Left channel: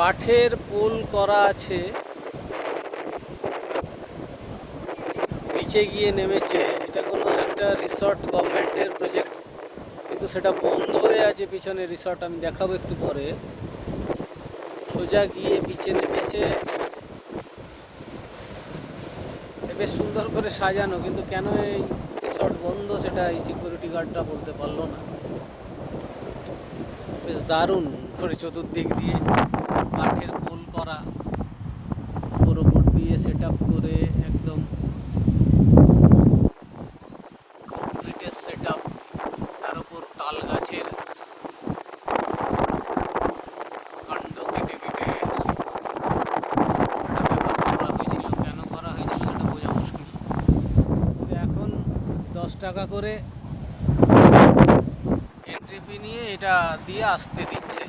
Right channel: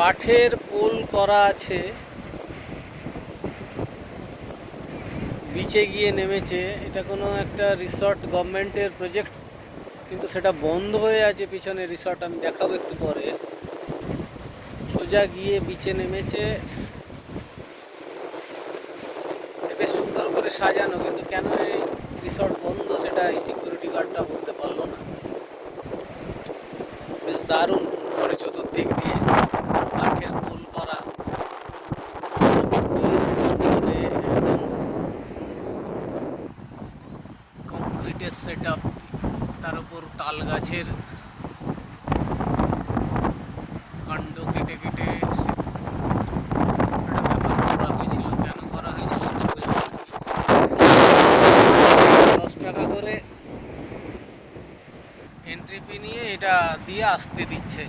কাঠের পোল করা আছে, বিচে গিয়ে নেমেছে। এটা কোনো একটা রিসর্ট গভর্নমেন্টের প্রজেক্ট, কিন্তু সেটা বন্ধ হয়ে আছে পিছনে রিসর্ট, আমি দেখাবো একটু পরে। সোজা গিয়ে বিচে নেমেছে, বেশ সুন্দর করে সাজানো, কিন্তু কেন এই রিসর্ট বন্ধ সেটা এই সিকিউরিটি গার্ডটা বলতে পারলো না। বেশ দারুণ করে চতুর্দিক দিয়ে কাঠের পোল করা, দিয়ে সেটা করে একদম কংক্রিটের সেট আপ, তার উপর তাল গাছের কাণ্ড কেটে কেটে একটা ব্যাপার করা হয়েছিল। কেন করা হয়েছিল সেটা বোঝা মুশকিল। 10 টাকা করে এন্ট্রি ফি নিয়ে এটা দিয়ে আসতে দিচ্ছে।